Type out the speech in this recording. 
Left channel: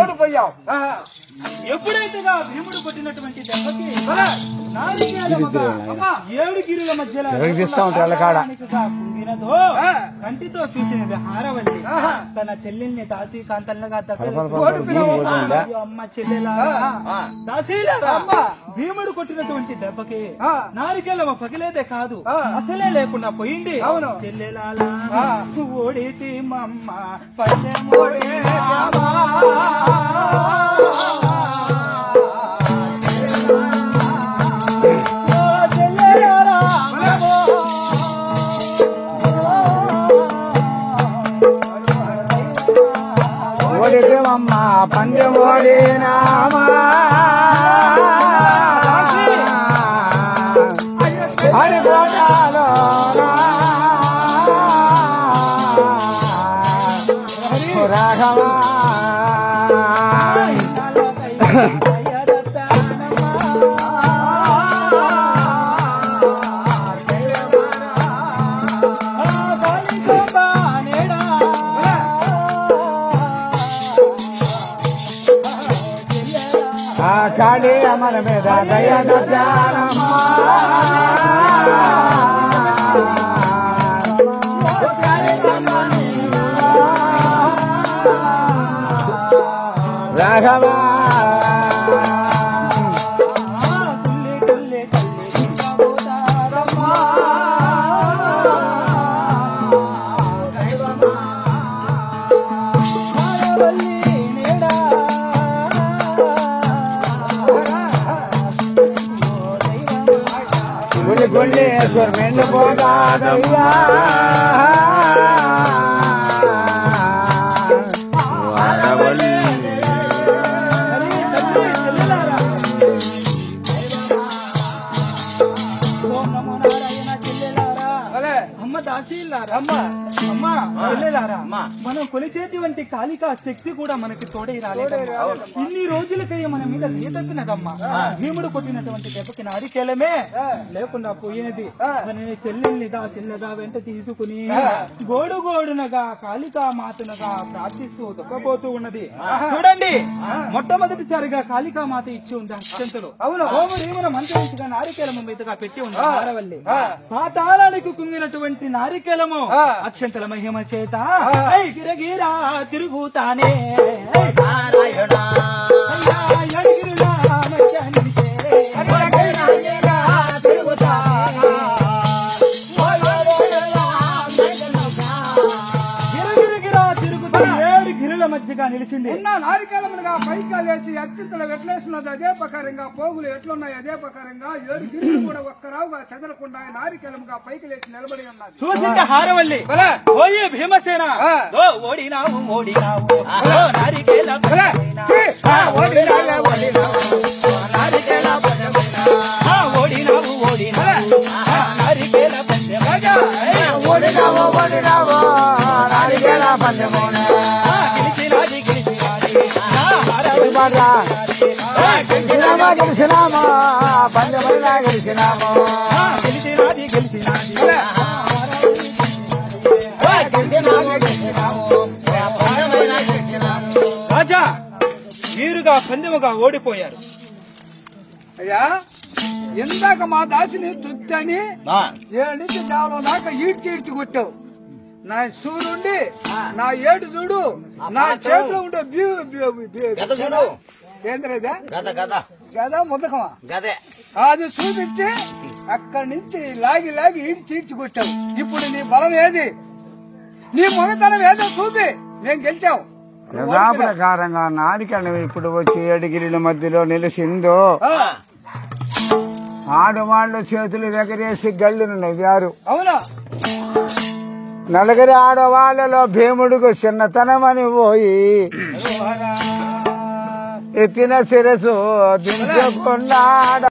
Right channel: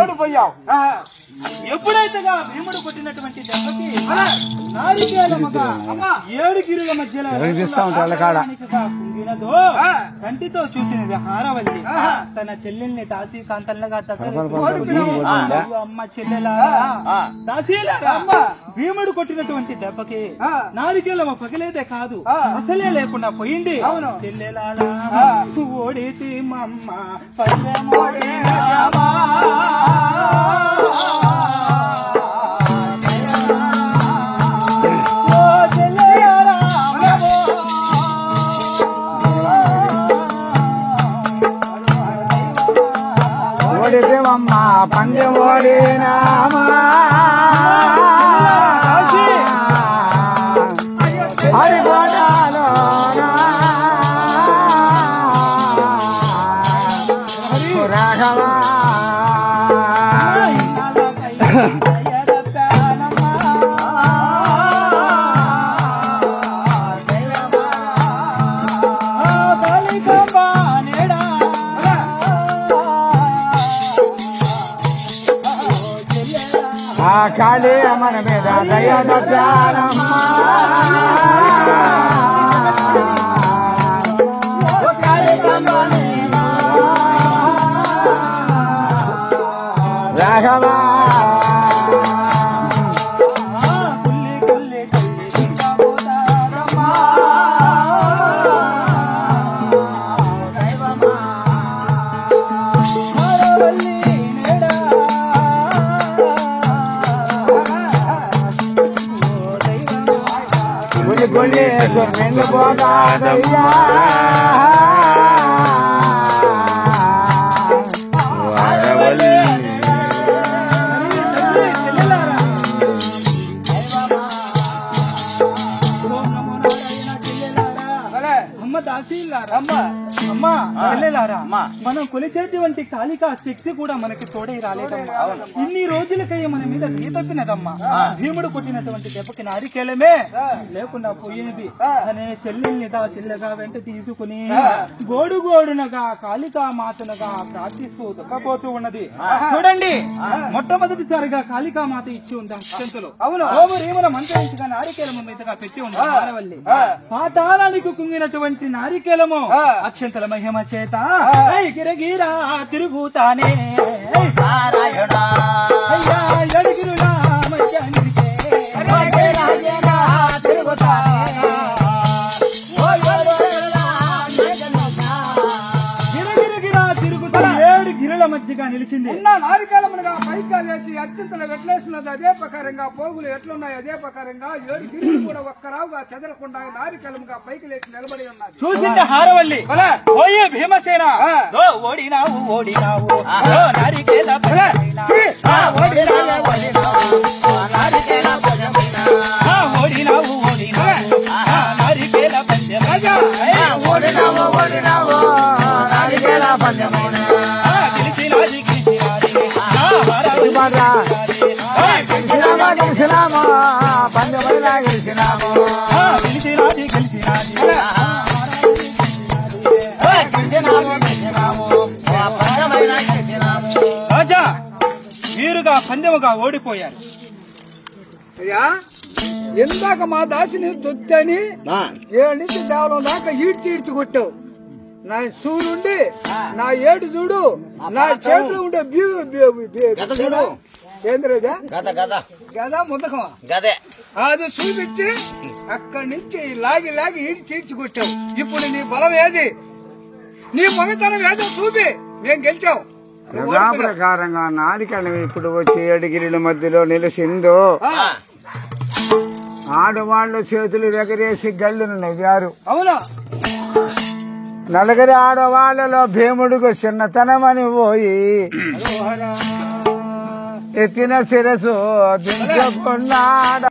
ఓడిపోయావు. ఎప్పుడైతే భీముడు కొట్టినటువంటి దెబ్బకి 7 గిరుల మధ్యలో వినదో కంటితో చూసినది హారవల్లి తన చెల్లెల్ని దాసి కాంతల్నగా అమ్మ చెల్లెలా దాసీలారా భీముడు కొట్టినటువంటి దెబ్బకి నారికేలమ్మ పగిలేదే కాదు అసలే లేకుండా పోయింది. చెల్లెలా ఓడితి మమ్మ ఓడిదేవమ్మ పందెం ఓడినామా హరిపాటాలో రాఘవా కాళీ మన మీద రాఘవా పోతాదయ్యా మనం కొలిచేటువంటి కాళికా శక్తి కూడా మనకు తోడై రాలేదమ్మా. ఇన్ని రోజులకయ్యే మన మీద తీతచ్చినదమ్మా. భీముడు కొట్టినటువంటి దెబ్బకి నారికేలమే లేకుండా పోయినది అనే చెల్లెల్ని చెల్లెగా వెంట తీసుకుని గోడుగోడునగా కాళికా మాతనుగా ప్రార్థిస్తూ దొక్కబోతూ ఉన్నది. చూడండి, మొట్టమొదటిసారిగా కాళికా మాత ఇచ్చి ఉంది అత్యంతలు ఓమరీమన మంత్రించగా నారికేలము మీదగా పెట్టి ఉంది ఆడవల్లి. పాతాళానికి కుంగినటువంటి నారికేలము అక్షంతల మహిమ చేత గిరగిరా తిరుగుతానే మధ్యగా నిలిచింది. నారికేలముగా పైగా లేచి అత్యంతలు ఎట్లేస్తున్నది అదే ప్రకారంగా పోగులు ఎట్లున్నాయి అదే ప్రకారంగా 7 గిరులు కూడా ఒక్కరావుగా చెదరకుండా నారికేలముగా పైకి లేచి నిలబడి ఉన్నది. చూసింది హారవల్లి పోయే భీమసేన ఓడినావు ఓడినావు నారికేల ఓడినావు ఓడినావు నారికేల ఓడినావు ఓడినావు నారికేల గెలిచినామా పంచమైనా గెలిచినాము రాజా మీరుగా పందెముగా ఓడిపోయారు. అయ్యా ఎందాక మా దాసిని తొత్తని 7 నుంచి కేవలం దాకా ఈడ్చి కొట్టావు. నా సూర్యుండి నా ఏడు చూడు నా చేతిలో ఉండే ఏంద్రదా గదా ముద్దకమా అది చూపించి అక్కడి నుంచి లాగి లాగి ఈడ్చి కొట్టావు. ఇప్పుడు నీ బలం ఏది నీ మగతనం ఏదో చూపి నేను గెలిచావు. ప్రకారంగా నారికేళం ఇప్పుడు వచ్చి 7 గిరుల మధ్యలో నిలిచిందో ఆడవాళ్ల చేతులు ఎగరేసి గల్లును నవ్వారు. అవునా నలుగురి ఆడవాళ్లలో భీముడుకు చిన్నతనమని పోయి ఎత్తిన శిరసు దించుకున్నాడు.